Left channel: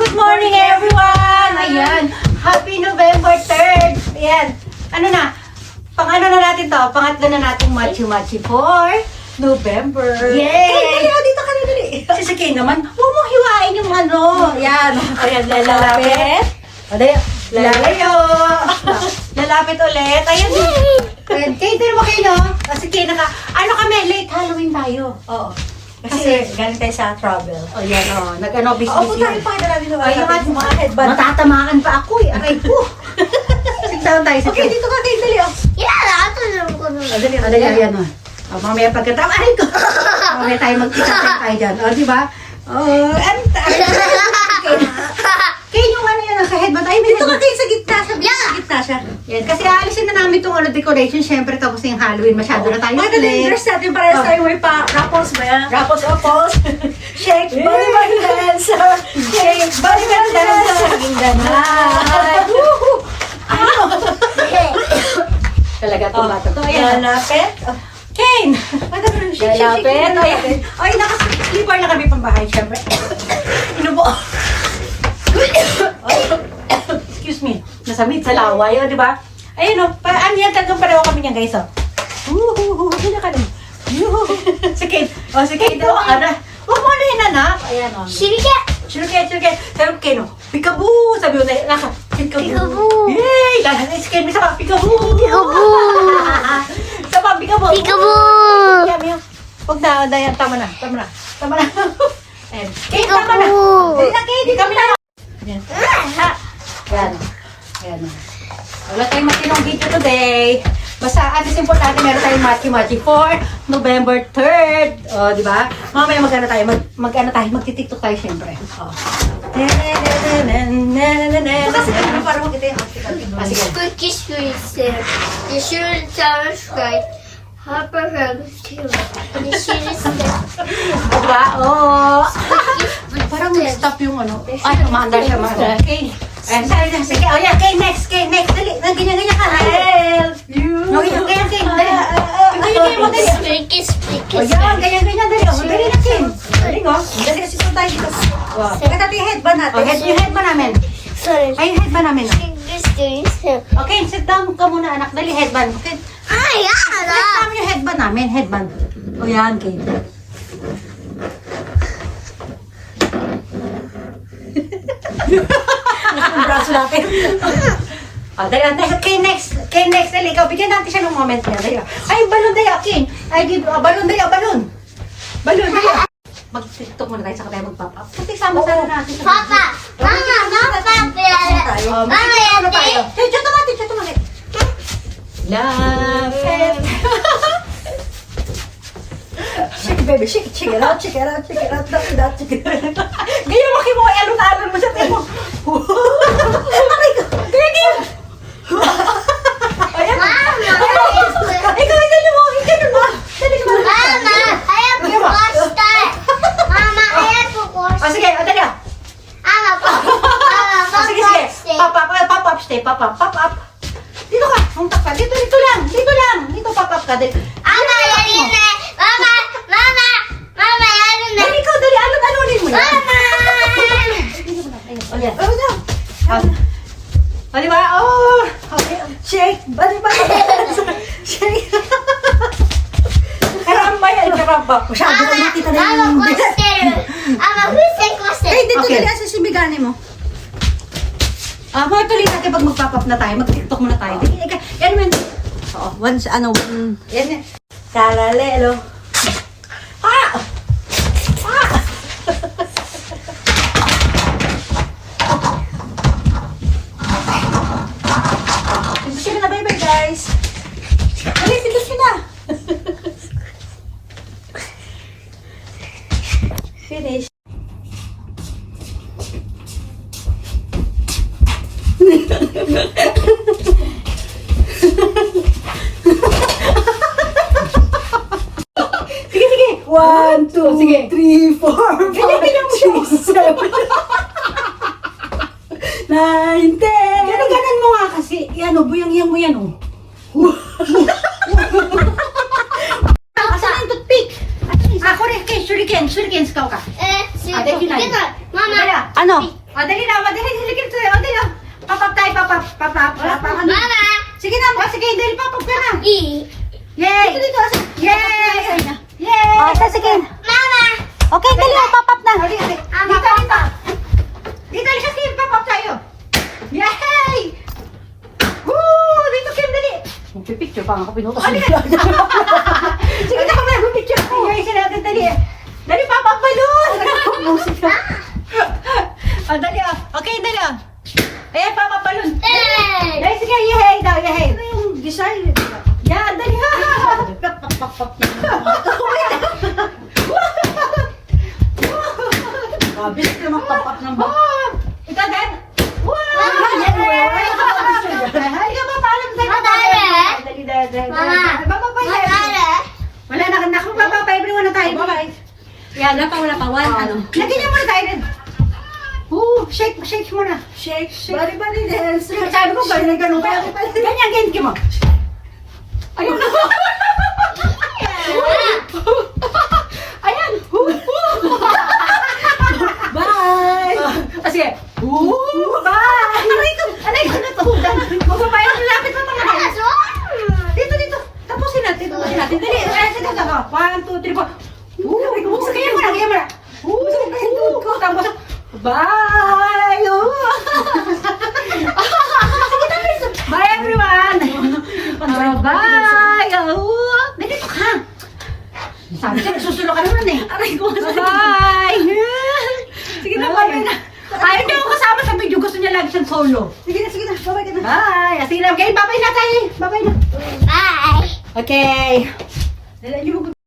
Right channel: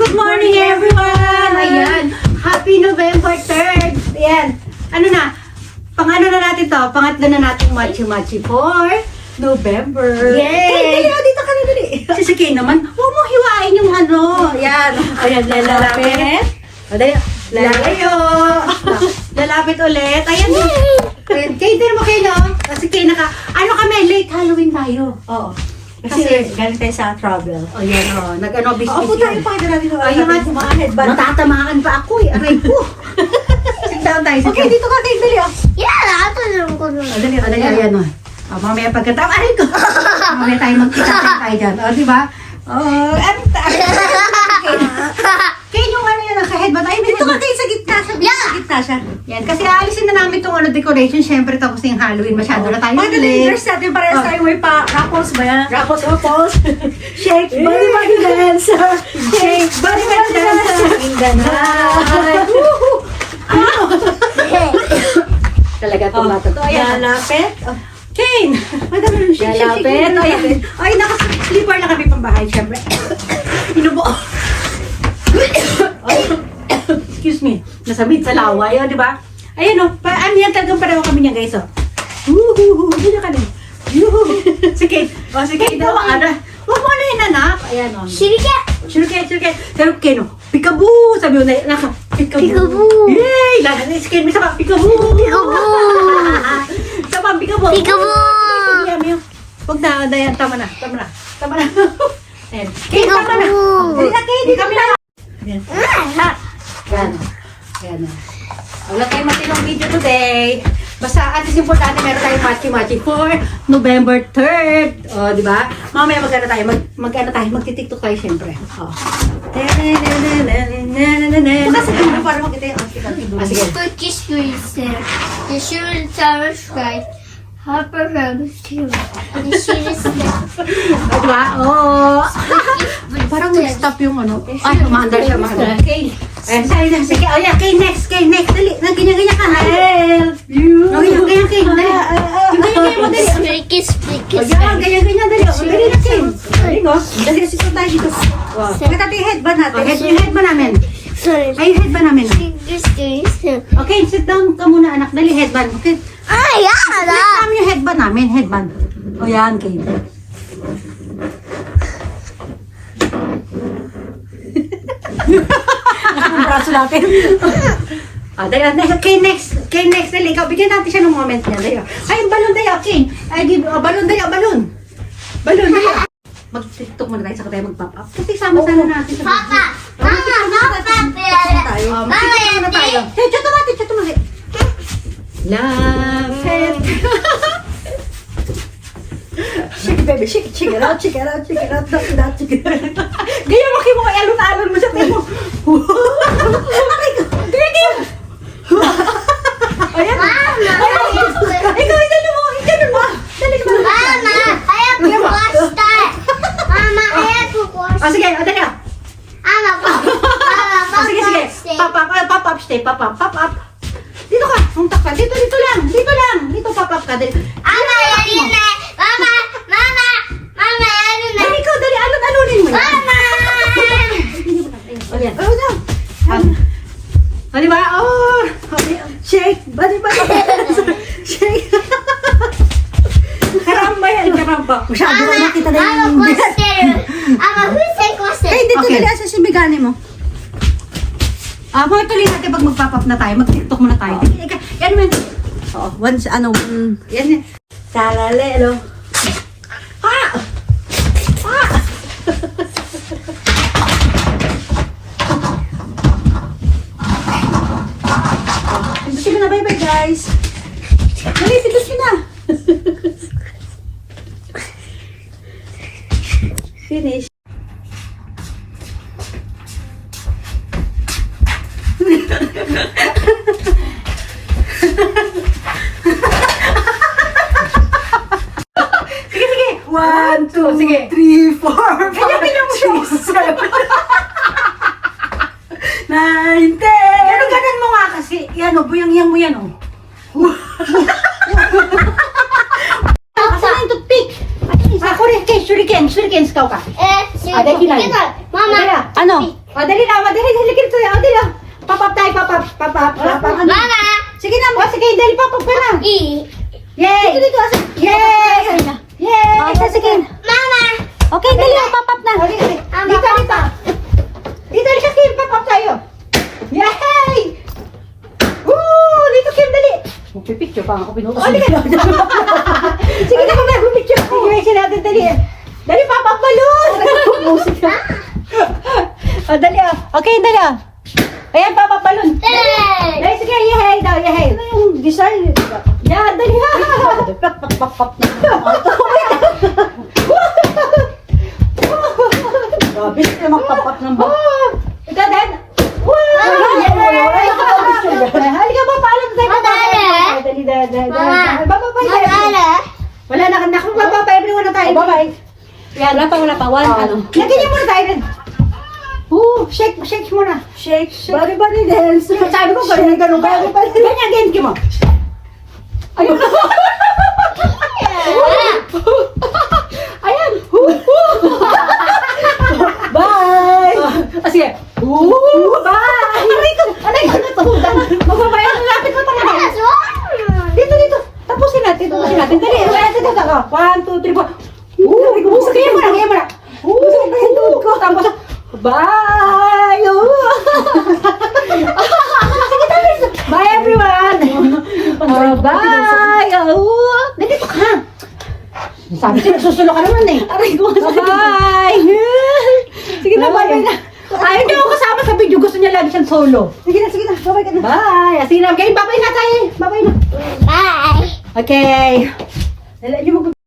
good morning everyone! Ayan, happy November 3rd! Ayan, ano na, pang-ano na natin to? Pangatlo na natin machi-machi for November. Yay! Dito ka na dali. Si Kay naman, huwag mo hiwain yung ano. Ayan, ayan, lalapit. Lalayo. Lalapit ulit. Ayan. Kay, din mo kayo, no? Kasi Kay ano kami, late Halloween tayo. Oo. Kasi galing tayo sa travel. O yan o. Nag-ano business. O puta, pa natin. Ayun nga, headband. Matatamaan pa ako eh. Aray po. Sit down tayo. Okay, dito ka kayo. Dali o. Yeah, ito lang ko nun. Dali o. Dali. Ayan o. Mamaya pagkatawa. Aray ko. Mamaya tayo magkita tayo dyan. O, diba? O, Kaya yung ano yan, naka-headband. Ay, dito ka kayo sa gitna. Sa gitna siya. Yan. Kasi aalisin na namin itong decoration. Siyempre, tapos yung Halloween. Masyado na tayo. Mga dress natin para sa tayo may pa Rapples ba yan? Rapples. Shake, body, body, dance. Shake, body, body, dance. Talaga itong bata to. Ayan. Lalapit. Kane! Lalapit. Ay, naka-sleeper na kami pambahay, syempre. Inubo. Excuse me. Nasamid sa lawa yun, di ba? Ayan o. Ano yan? Talagang pareho kami niya, guys. Hindi na kami. Si Kane. O, si Kane. Huwag mo na yun, anak. Ayan o. Shirike! Sabi Kane o. Pikaboo! Sabi mo na, Pikaboo! Yay! Si Kane, may sama. Pikaboo! Sama, pikaboo! Pikaboo! Huwag na, Dayan. Tama na. Ayan. Pikaboo! Tama na. Dali na, Kane. Dito na. Ayan. Ayan. Wala tayong matinong video today. Basta at least importante meron tayong machi-machi for November 3rd. O, di ba? Mamaya magti-tiktok tayo siyempre. O. Kasi kung para makita yung outfit natin. Sige. Cookies reset. You should subscribe. Harper Hugs too. You should Diba? Oo. Parang nag-stop yung ano. Ay, umanda siya. Okay. Ayan, sabi lang. Sige, o yan. Kay next. Dali. Ganyan-ganyan ka. Help you. Ganyan. Dali. Ganyan mo, dali. O yan, ganyan-ganyan. Dali. O, dali na, Kim. Dali ko. Dali, susunod tayo dito. O, natin yung headband natin. Yung headband namin. Sorry. Ay, yung headband namin. This thing. Okay, sit down ka muna, anak. Dali, headband. Okay. Let's namin yung headband namin. Headband. O yan, Kate. Ang braso natin. Dali. Kay next. Dali, ikaw. Bigyan natin siya ng moment niya. Dali. Ay, balon, dali. King. Ay, balon, dali. Balon, dali. Mag-tiktok muna tayo. Saka tayo mag-pop up. Kasi sama-sama natin. Sa Papa! Mama! tayo. Mag-tiktok muna tayo. Chat mo. Love it. Shake baby, shake it out. Gaya mo kayo mga alon-alon mo sa tayo. Gaya. Ayan. Ikaw mo. Dali ka ba? Mama! I have to wash that! Mama, I have to wash Sige, dali. Mama, Sige. Pop up. Dito ka. Muntak ka. Dito lang. Dito pop up ka. Dali. Mama, yan na! Mama, yan na! Dali ikaw, dali. Alon-alonin mo yan. Mama! O yan. O diba? Shake. Bali. Shake. Karamba yan. Masyado ko nakita na yung Coaster! Mama, who's a coaster? Ay, dito dali asa sumigani mo. Mga tuloy natin pag mag-pop-up na tayo. Mag-tiktok muna tayo. Yan man. Oo. Yan. Talalelo. Sige na, bye-bye guys. Dali, pitas ka na. Finish. Sige. 1, 2, 3, 4, 5, 6, 7, 9, 10. Ganon mo nga kasi. Yan o, buyang-yang mo yan o. Asan yung toothpick? Shuriken, ikaw ka. Mama, Ano? O, dali na. Dali. Halika dito. O, dali. O. Papap tayo. Papap. Mama! Sige na. Sige, dali. Papap ka na. Yay! Dito. Yay! Yay! Sige. Mama! Okay, dali. Papap na. Dito. Dito, halika, Kim. Papap tayo. Yay! Woo! Dito, Kim, dali. Magpipicture pa ako pinutos. Halika. Sige na, mag-picture. Yay, sila natin, dali. Dali, papap balon. O, dali. Okay, dali. Ayan, papap balon. Hey! Dali, sige. Yay daw, yay. Ano yung design? Yan, dali. Grabe sila magpapak ng ba? Oh, ito din. Wow! Halika ba, paalam tayo. Dali. Bye-bye. Wala na, nakapapapa everyone na tayo. Bye-bye. Yan, Wala pa. Ano? lagyan niyo muna tayo rin. Shake muna. Shake. Bari dance. Sabi ko, ganun kaya. Ganyan, ganyan mo. Ayun. Ayan. Bye. Sige. Bye. Aray ko na to. Magbabayang lapit mo talaga. Dito. Tapusin natin. Dali. Dito. 1, 2, 3, 4. Kaya mo na. Tapos, bye. Bye, everyone. Bye. Nandito ka. Sabi ko, susulo ka naman eh. Aray ko. Bye. Sige na, bye na. Ay, hindi ako kasama sa video. Gusto niya lagi siyang solo. Sige na. Bye-bye ka na. Bye. Sige na. Okay, bye-bye na tayo. Bye-bye na. Bye! Okay. Dala niyo mag-